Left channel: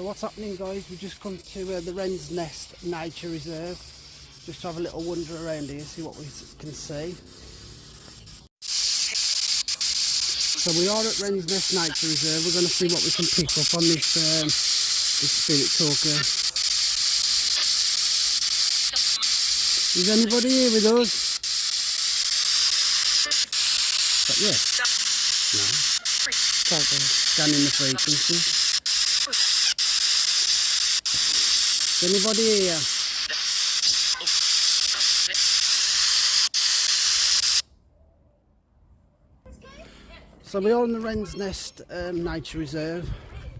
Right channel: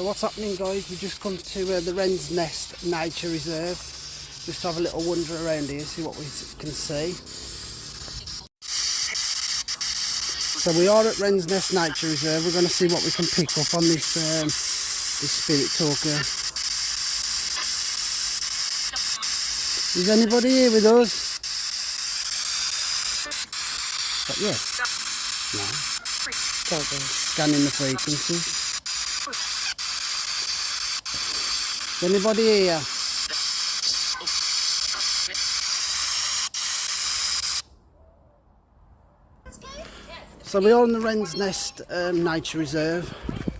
So what's happening, guys? We just come to the Wren's Nest Nature Reserve, just to have a little wander around here, see what we can see. So we are at Wren's Nest Nature Reserve. We're going to see what we can pick up on this this spirit talker. Is anybody here with us? But yeah, no. Scanning the frequencies. Is anybody here? So we are on the Wren's Nest Nature Reserve,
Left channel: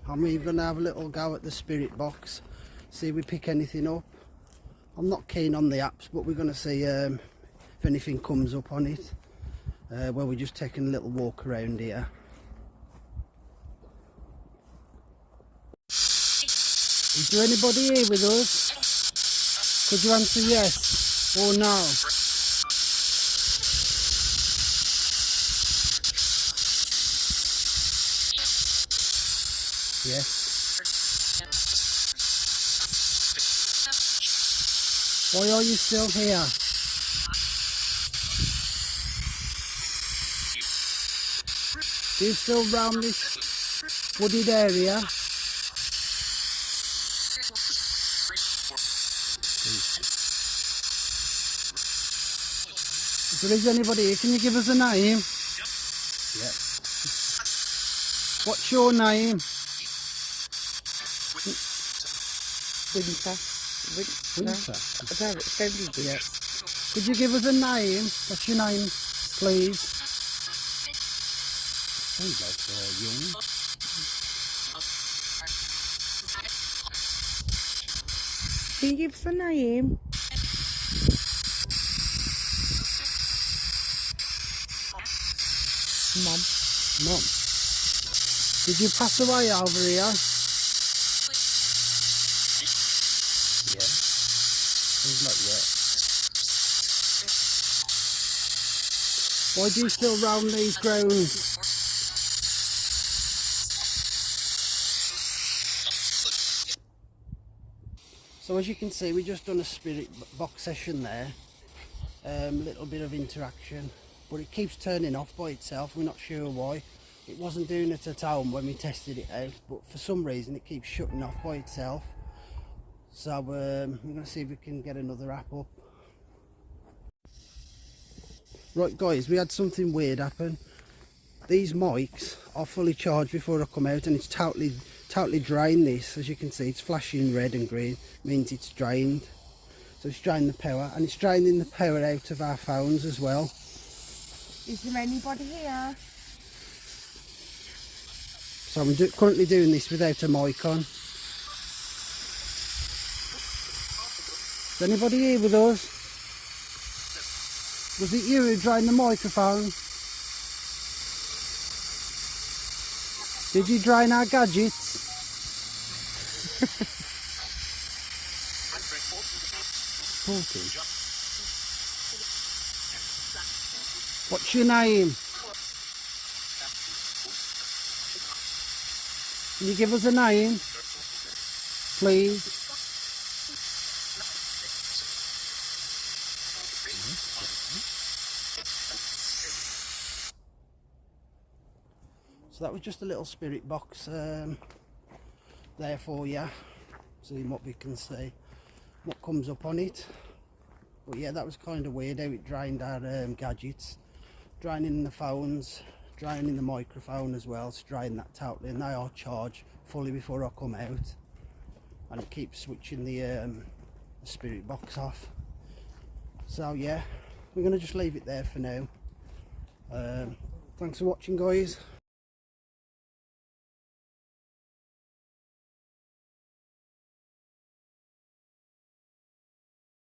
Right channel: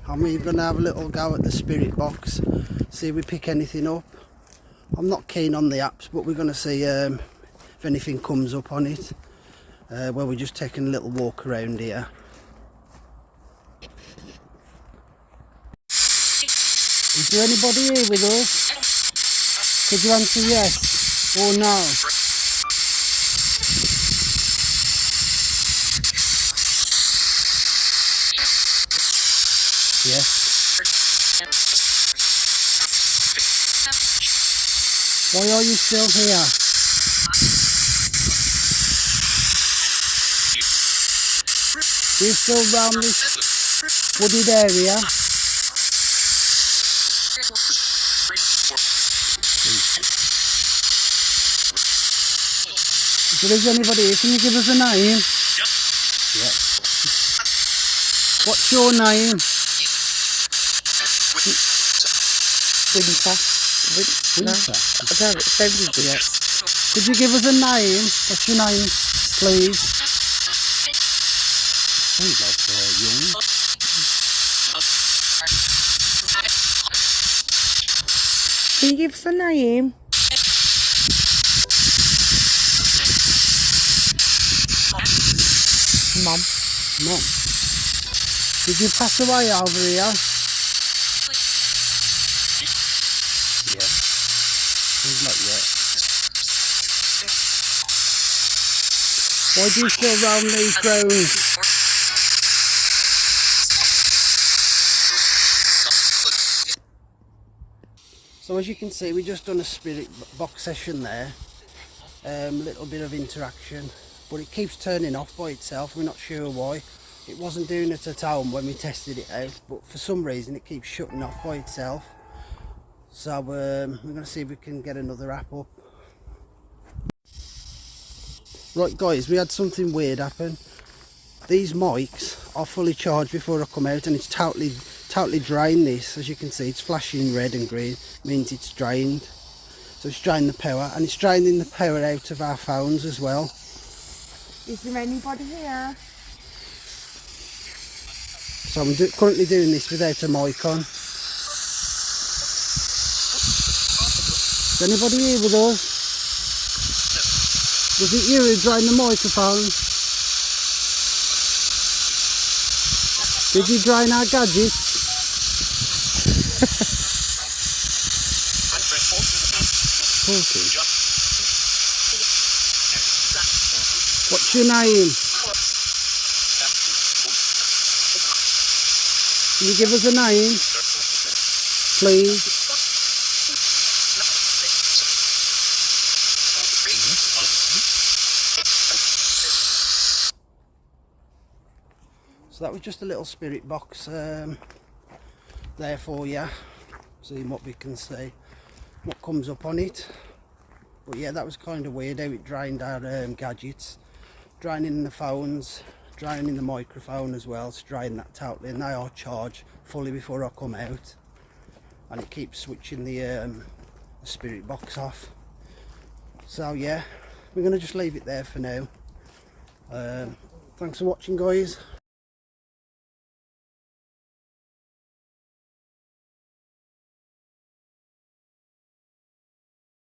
and we're going to have a little go at the spirit box, see if we pick anything up. I'm not keen on the apps, but we're going to see if anything comes up on it. Well, we're just taking a little walk around here. Is there anybody here with us? Could you answer yes or no? Yes. Why are you still here? Do you still roam this wooded area? If there is anybody here, can you give us a name? Yes. What's your name? Winter. No, I don't offend you yet. Could you give us a name? What's your name, please? Sounds like young. Can you give us a name? Mum. Mum. Did you pass away over here? Yeah. Seems like yeah. Why do you still roam these grounds? So as you can see, we just done a spirit box session there. A little bit of interaction, but it keeps turning off by itself. We're not sure why. It wasn't doing it at home when we tested it out, but for some reason it keeps shutting off by itself. So we're going to see if we can get another app up. Right guys, we had something weird happen. These mics are fully charged before I come out, and it's totally drained this. As you can see, it's flashing red and green, means it's drained. So it's drained the power, and it's draining the power out of our phones as well. Is there anybody here? So I'm currently doing this without a mic on. Is anybody here with us? Was it you who drained the microphone? Did you drain our gadgets? Talking. What's your name? Can you give us a name, please? So that was just a little spirit box there for you, seeing what we can see, what comes up on it. But yeah, that was kind of weird how it drained our gadgets, draining the phones, draining the microphone as well, to drain that totally, and they are charged fully before I come out, and it keeps switching the spirit box off. So yeah, we're going to just leave it there for now. Thanks for watching, guys.